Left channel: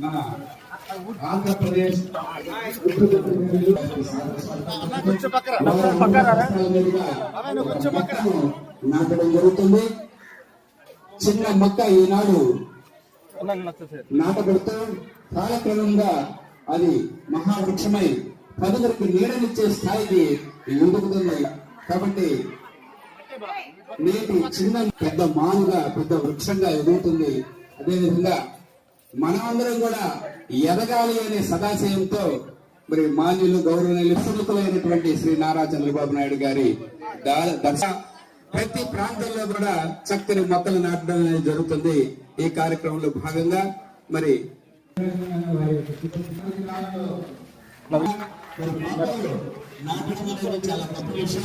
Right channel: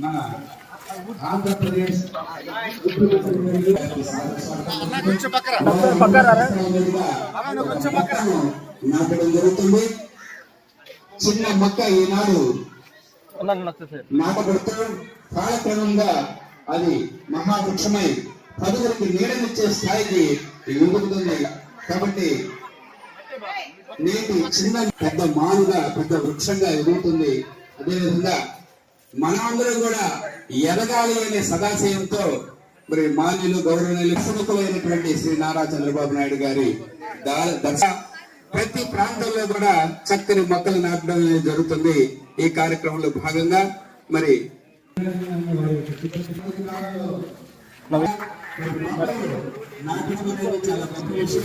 మన ఆంధ్రప్రదేశ్ నాటడం జరుగుతుంది. చిన్న మొక్క ఈనాడు నాటబడుతూ కాలక్రమంగా అది మహావృక్షమై పదుగురికి నీడనిచ్చే స్థాయికి ఎదుగుతుంది కాబట్టి నేటి చిన్న పెద్ద మానుగా పెద్ద వృక్షంగా ఎదుగుతుంది. అదేవిధంగా మనమందరం కూడా ఎదగాలి అనే సదాశయంతో మరి మాన్యులు గౌరవనీయులు ప్రముఖులైనటువంటి శ్రీ నారా చంద్రబాబు నాయుడు గారి దా- దర్శ ప్రతి ప్రాంతంలో కూడా చక్కని మొక్కలు నాటడం జరుగుతుంది ఈ కార్యక్రమంలో భాగంగా. మరి నాటడం అనేది చాలా గొప్ప విషయం.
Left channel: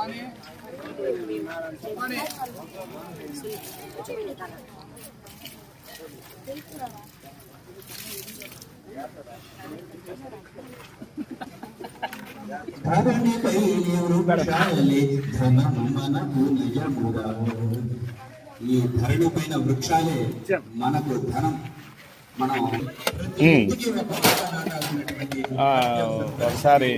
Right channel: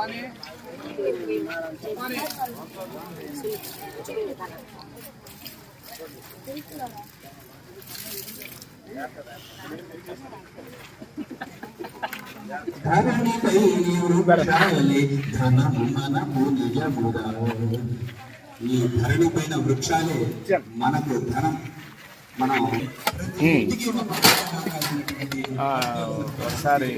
రాబోయే కాలంలో మన పాఠశాలలో చక్కని మొక్కలు కూడా ఈ సందర్భంగా తెలియజేస్తున్నాం ధరణిపై వృక్షాలే ధనము మనకు నిజముగా ఈ ధరణి పైన వృక్షాలే మనకు ధనం. మనం మొక్క నాటాల్సినటువంటి ఒకసారి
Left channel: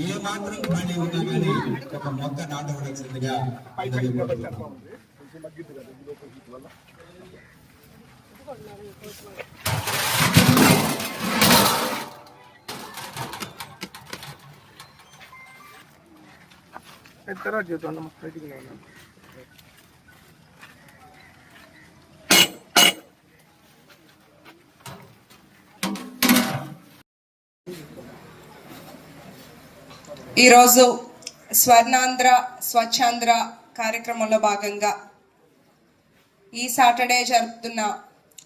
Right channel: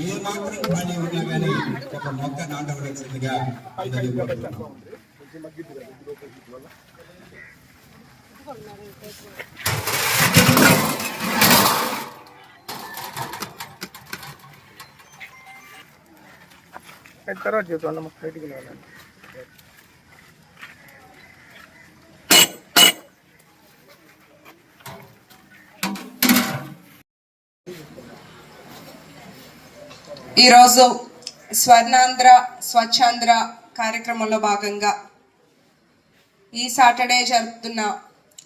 ఏ మాత్రం ఖాళీ ఉన్నా కానీ ఒక మొక్క నాటవలసిందిగా. తర్వాత చెప్తాను బయటికి నేను ఈరోజు స్వర్ణాంధ్ర స్వచ్ఛాంధ్ర కార్యక్రమంలో భాగంగా ఈ సాటర్డే జరుపుతున్న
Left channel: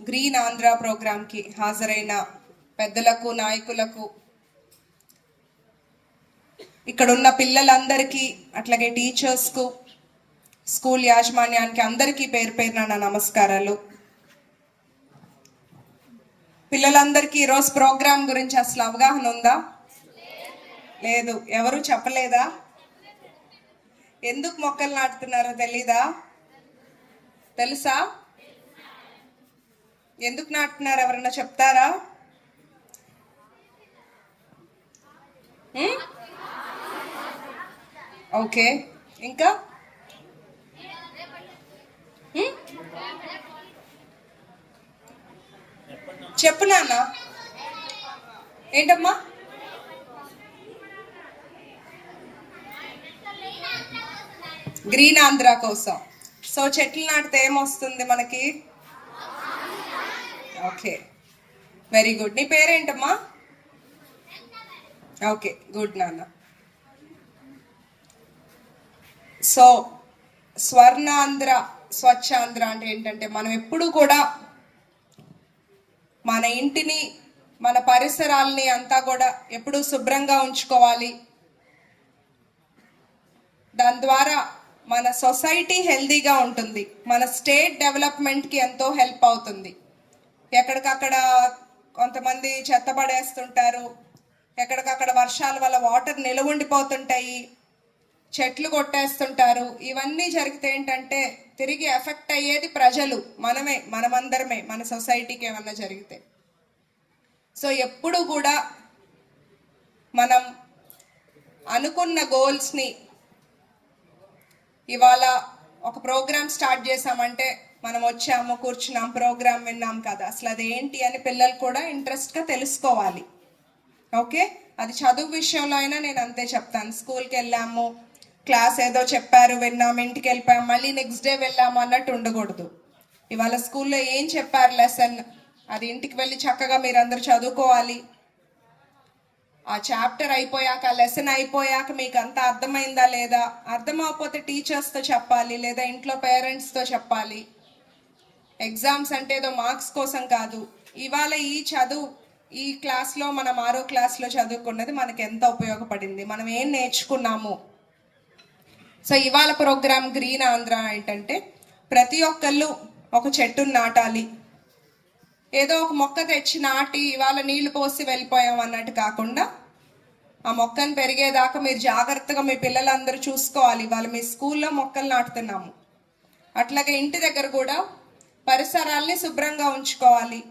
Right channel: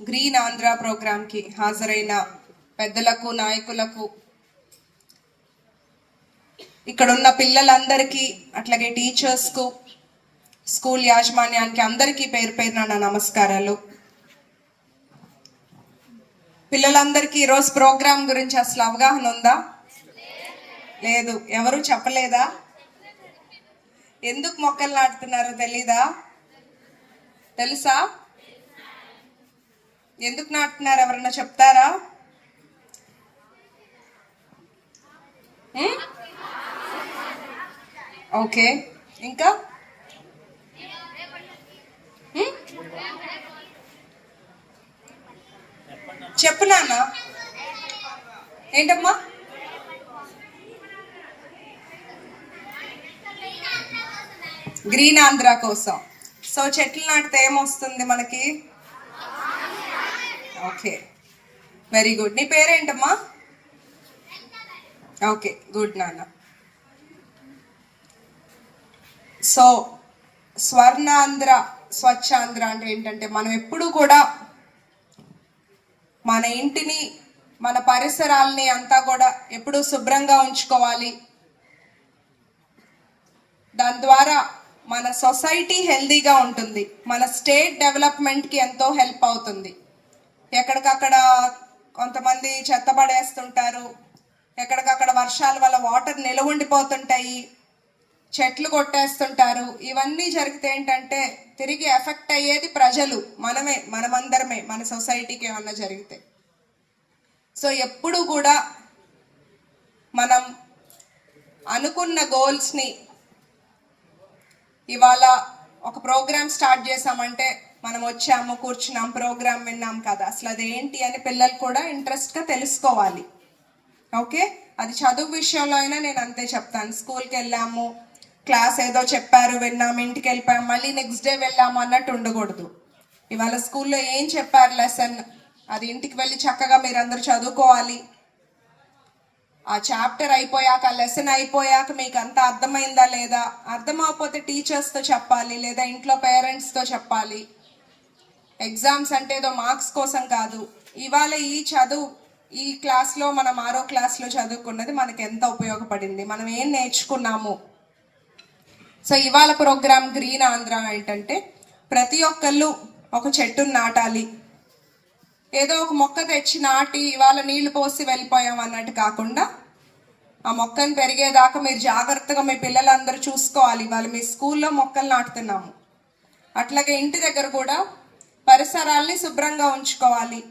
గ్రీన్ ఆంధ్ర ప్రోగ్రాంకి హాజరైన పెద్దలకు నాయకులకు ఇక్కడ ఉన్న పిల్లలందరికీ అట్లాగే టీచర్స్కు స్కూల్ యాజమాన్యానికి అందరికీ పేరు పేరున నా నమస్కారాలు. పిల్లలందరికీ ఈరోజు ప్రోగ్రాం గురించి అసలు అవగాహన ఉందా? లేదు. ఎవరు చెప్పలేదా? ఎందుకు మొక్కలు నాటుతున్నారో తెలీదా? తెలుసా? ఎందుకు నాటుతున్నారు ఎవరన్నా చెప్తారా? ఓకే. ఇంకా? చెప్పు నాన్న. ఏంటమ్మా? గ్రీన్ ఆంధ్ర కోసం. సో చెట్లు నాటితే ఏమొస్తుంది మనకి? ఓకే. వెరీ గుడ్ నీ పేరేంటమ్మా? ఓకే. గుడ్ నాన్న. సో స్వర్ణాంధ్ర స్వచ్ఛాంధ్ర అంటే ఏంటంటే మనం ఎప్పుడు కూడా మన ఇంటిని మన పరిసరాల్ని అంతా కూడా ఎప్పుడూ శుభ్రంగా ఉంచుకోవాలి. దాని ద్వారా మన సొసైటీ హెల్దీగా ఉంటుంది. మన స్టేట్ డెవలప్మెంట్కి ఎంతో హెల్ప్ అవుతుంది. ఎక్కడికక్కడ కొంతమంది చెత్త పడేస్తుంటారు ఎక్కడికక్కడ వర్షాల వల్ల వాటర్ నిలవుండిపోతుంటాయి. చెట్లు కొట్టేస్తుంటారు. ఇవన్నీ జరిగితే ఏంటంటే తిరిగి ఎఫెక్ట్ అయ్యేది ప్రజలు. మనమే మనమందరమే మన సొసైటీకి ఏమన్నా జరిగితే. సో ఎప్పుడు కూడా మనం అనుకున్న గోల్స్ని ఇవాళ ఒక ప్రోగ్రామ్ స్టార్ట్ చేసామంటే మనం వచ్చాము కూర్చున్నాం ప్రోగ్రామ్ విన్నాం కదా. అసలు అది ఏంటి అని పిల్లలు కూడా ఇంట్రెస్ట్గా తెలుసుకోవాలి. ఓకే? అది చదువు విషయంలో అయినా నేను అంతే చెప్తాను. స్కూల్కి వెళ్ళాము క్లాస్ ఏదో చెప్పారు విన్నాము ఇంటికి వెళ్ళిపోయాము మళ్ళీ నెక్స్ట్ డే వెళ్ళాము అన్నట్టు ఉండకూడదు. ఇవాళ స్కూల్లో ఏం చెప్పారు లెసన్? అది ఇంటికి వెళ్ళి చక్కగా మీరందరూ చదువుకోవాలి. ఆ చాప్టర్ అయిపోయాక లెసన్ అయిపోయాక మీకు అంతా అర్థమైందా లేదా? అర్థమవకపోతే టీచర్స్తో చెప్పాలి లేదా ఇంట్లో పేరెంట్స్తో చెప్పాలి. ఎగ్జామ్స్ అంటే ఏదో మార్క్స్ కోసం కాదు. ఇవాళ ఈ చదువు ఈ క్లాస్లో మనం ఆరో క్లాస్లో చదువుకున్నది మనకి ఎంత ఉపయోగపడింది? మనం ఏం నేర్చుకున్నాము? సో ఇవాళ ప్రోగ్రామ్ గ్రీన్ ఆంధ్ర ఏంటంటే ప్రతి ఒక్కళ్ళు ఒక చెట్టును నాటాలి. ఏదో ఒక మొక్క తెచ్చి నాటి ఇవాళ నీళ్ళు పోసి వెళ్ళిపోయాం అన్నట్టు కాకుండా ఆ మొక్కను పెరిగేదాకా మీరు జాగ్రత్తగా మీ పిల్లలందరూ చూసుకోవాలి. ఇవాళ మీ స్కూల్లో మొక్కలు నాటుతున్నాము. అట్లాగే ఇంటి దగ్గర కూడా పరిసరాల్ని శుభ్రంగా ఉంచుకోవాలి.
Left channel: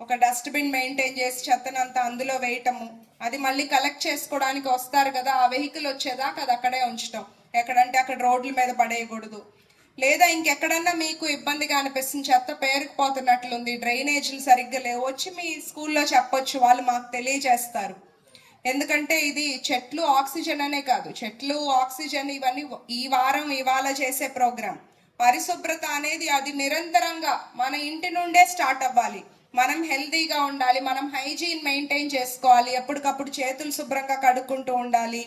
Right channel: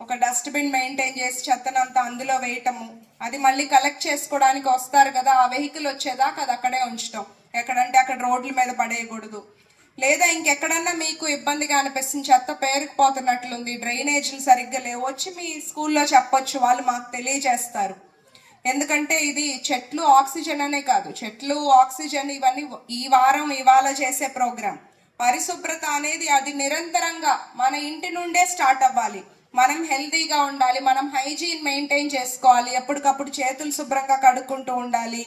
ఒక డస్ట్బిన్ మెయింటైన్ చేసి చెత్తనంతా అందులో వేయటము. అది మళ్ళీ కలెక్ట్ చేసుకోవడానికి వస్తారు కదా ఆ వెహికల్ వచ్చేదాకా అది అక్కడే ఉంచటం. ఎక్కడంటే అక్కడ రోడ్ల మీద పడేయకూడదు. లేదా ఇంకెక్కడన్నా మీకు ఇబ్బందిగా అనిపిస్తుంది చెత్త పేరుకుపోతున్నట్లుంది డ్రైనేజీలు సరిగ్గా లేవు వచ్చి మీ స్కూల్లో చెప్పొచ్చు వాళ్ళు మాకు తెలియజేస్తారు. ఎందుకంటే ఇది చెట్లు ఆక్సిజన్ అనే కాదు చెట్లు ఆక్సిజన్ ఇవన్నీ ఈ వారం ఇవాళ చేసే ప్రోగ్రాం. పరిశుభ్రత అనేది అది నిరంతరంగా మన ఇంటి నుండే స్టార్ట్ అవ్వాలి. మనం హెల్తీగా ఉండాలి మనం హైజీన్ మెయింటైన్ చేసుకోవాలి ఎప్పటికప్పుడు చేతులు శుభ్రంగా కడుక్కుంటూ ఉండాలి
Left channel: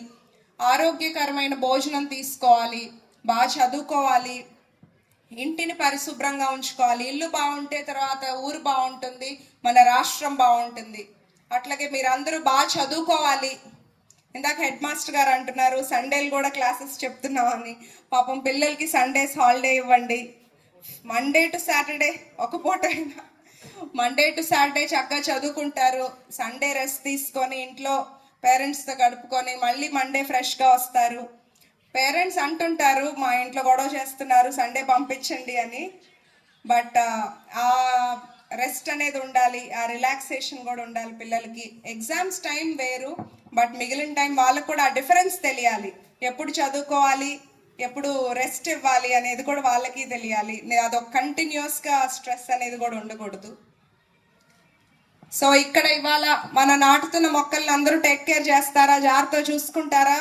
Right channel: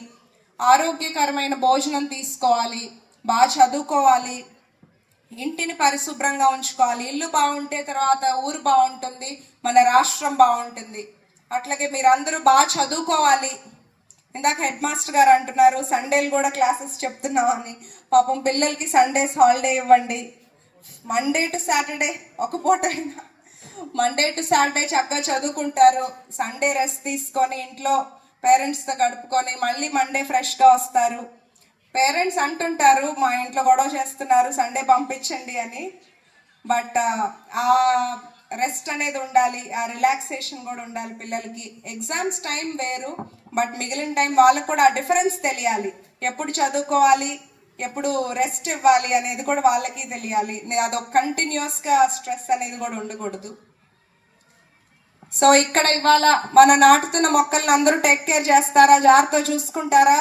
ఆరోగ్యకరమైన భోజనం తీసుకోవాలి బాగా చదువుకోవాలి ఇంటిని పరిశుభ్రంగా ఉంచుకోవాలి. ఇల్లు బాగుంటే తర్వాత ఊరు బాగుంటుంది మన రాష్ట్రం బాగుంటుంది. అట్లాగే మీరందరూ బాగా చదువుకోవాలి. ఇందాక హెడ్ మాస్టర్ గారు అంటున్నారు సండేలు కూడా క్లాసెస్ చెప్తున్నామని. పాపం పిల్లలకి సండేస్ హాలిడే ఇవ్వండి. మండే టు సాటర్డే ఒక పూట అయినా. మండే టు సాటర్డే చక్కగా చదువుకుంటారు. సండే రెస్ట్ తీసుకొని ఇంట్లో పేరెంట్స్తో గడుపుకొని మళ్ళీ మండే ఫ్రెష్గా వస్తారు. పేరెంట్స్ అంటుంటారు మా ఇంట్లో గొడవ చేస్తున్నారు సండే పంపించండి అని. బట్ ఆ రెస్ట్ అనేది ఉండాలి ఆ రిలాక్సేషన్ కూడా ఉండాలి పిల్లలకి. ఎగ్జామ్స్ టైం వేరు బట్ మిగిలిన టైం వాళ్ళకు కూడా ఆ డిఫరెన్స్ తెలియాలి. ఎప్పుడు చదువుకోవాలి ఎప్పుడు రెస్ట్ ఇవ్వాలి అనేది కూడా వాళ్ళకి తెలియాలి. అదొక కంటిన్యూస్గా స్ట్రెస్ అనేది కూడా ఉండకూడదు. సో ఇక్కడ ఇవాళ మన నాటుతున్న మొక్కల్ని అందరూ టేక్ కేర్ చేస్తారా? జాగ్రత్త చూసుకుంటారా?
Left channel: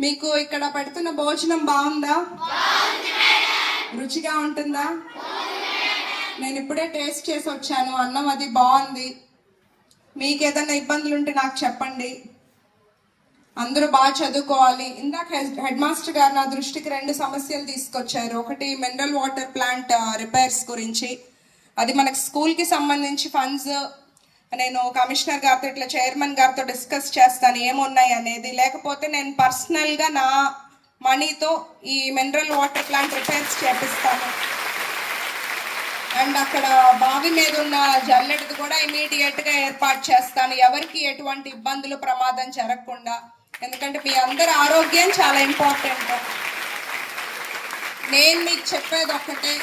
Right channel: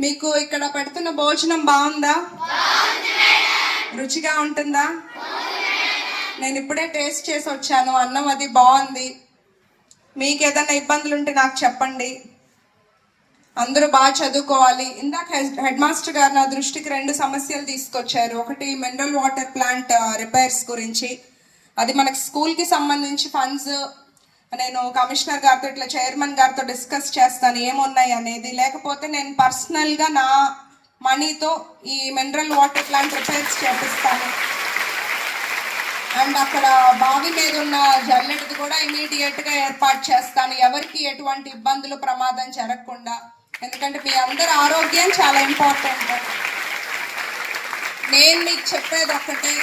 మీకు ఇక్కడ పెడుతున్న భోజనం బాగుందా? రుచిగా ఉంటుందా? నేను ఇప్పుడే టేస్ట్ చేసి వచ్చాను. అన్నం అది బాగుంది. మీకు ఏదైనా ఇబ్బందులు ఉంటే నాకు చెప్పండి. అందరూ బాగా చదువుకోవాలి. ఇందాక హెడ్- మాస్టర్ గారు నా దృష్టికి రెండు సమస్యలు తీసుకొచ్చారు. ఒకటి మినరల్ వాటర్ ప్లాంట్ రిపేర్స్ గురించి. అది మనకు స్కూల్కి సంబంధించి ఫండ్స్ నేను కమిషనర్ గారితో ఇట్లా చైర్మన్ గారితో డిస్కస్ చేస్తాను ఏమున్నాయి అనేది. లేకపోతే నేను పర్సనల్గా నా మనీతో ఈ మినరల్ వాటర్ ప్లాంట్ రిపేర్స్ చేపిస్తాను. అండ్ అక్కడ బావి మీద ఉన్న జల్లెడది కూడా ఇమీడియట్గా ఏర్పాటు చేస్తాను. ఎవరికి ఎటువంటి ఇబ్బందులు ప్రమాదం జరగకుండా. ఎందుకంటే మీ అందరి ఆరోగ్యం చాలా ఇంపార్టెంట్. నేను మీకు చెప్పేది ఒకటి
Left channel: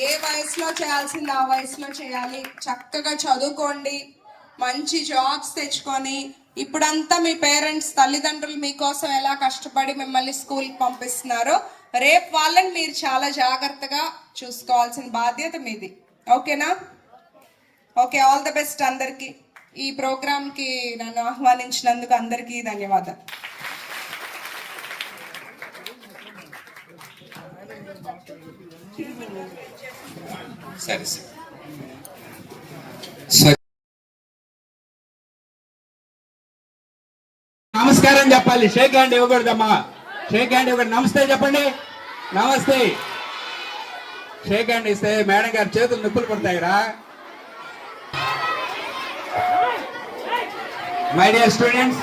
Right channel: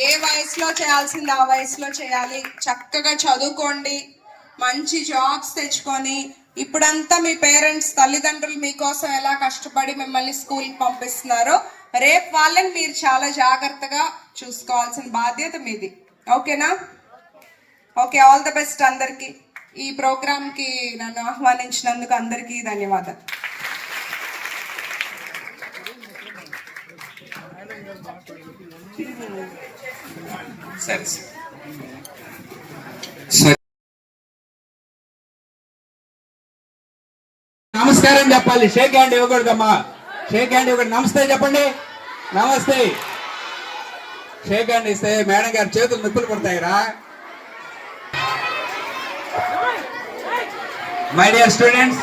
ఏ వయసులో చేయాల్సింది ఆ వయసులో చేయాలి. చక్కగా చదువుకోండి. మంచి జాబ్స్ తెచ్చుకొని ఇప్పుడంతా మీ పేరెంట్స్ తల్లిదండ్రులు మీకోసం ఎలా కష్టపడి మిమ్మల్ని స్కూల్కి పంపిస్తున్నారో రేపు వాళ్ళని మీరు చాలా జాగ్రత్తగా చూసుకోవాల్సిన బాధ్యత మీది. ఓకేనా? ఓకే ఆల్ ద బెస్ట్ అందరికీ. ఈ ప్రోగ్రామ్కి నన్ను ఆహ్వానించినందుకు అందరికీ ధన్యవాదాలు. సరే సరే సరే. నమస్కారం చెప్పాలి. షేక్ హ్యాండ్ ఇవ్వకూడదమ్మా. షేక్ హ్యాండ్ ఇవ్వకూడదు. నమస్తే చెప్పండి. నమస్తే. షేక్ హ్యాండ్ ఇస్తే మేడం గారి చేతులు నొప్పులు పడతాయిరా. మై డియర్ స్టూడెంట్స్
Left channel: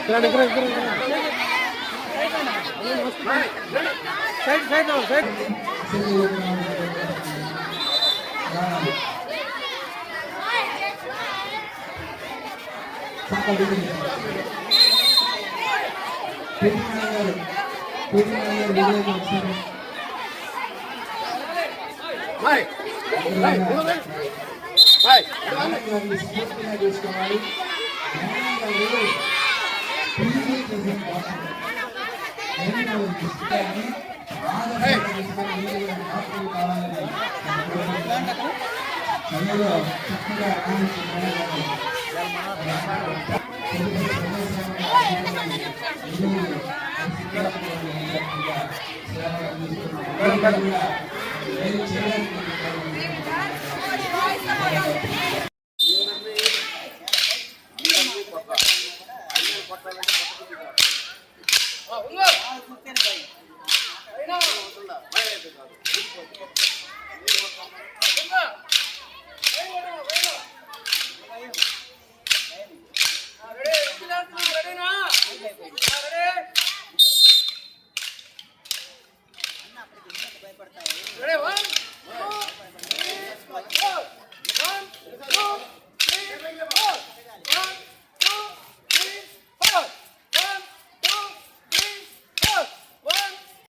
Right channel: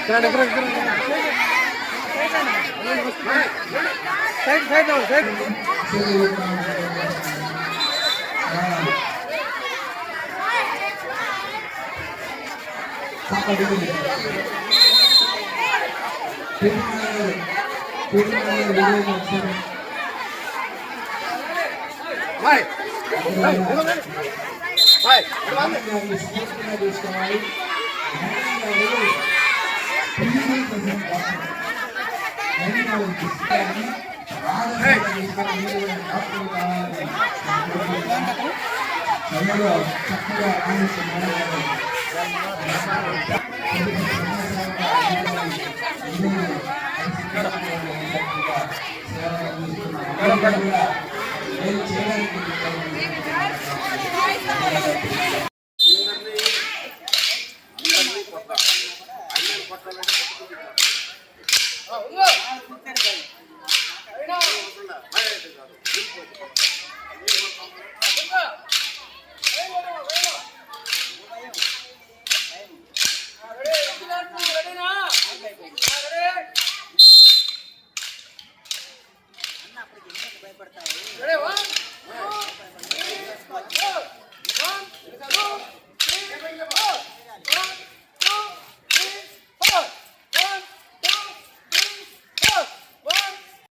ఇక్కడ సైడ్ గారిని స్ఫూర్తిగా తీసుకోవాలి మహిళా గారు పిల్లలు చేసిన పుస్తకాన్ని ఆదర్శంగా చక్కగా ఆనందిస్తున్నారు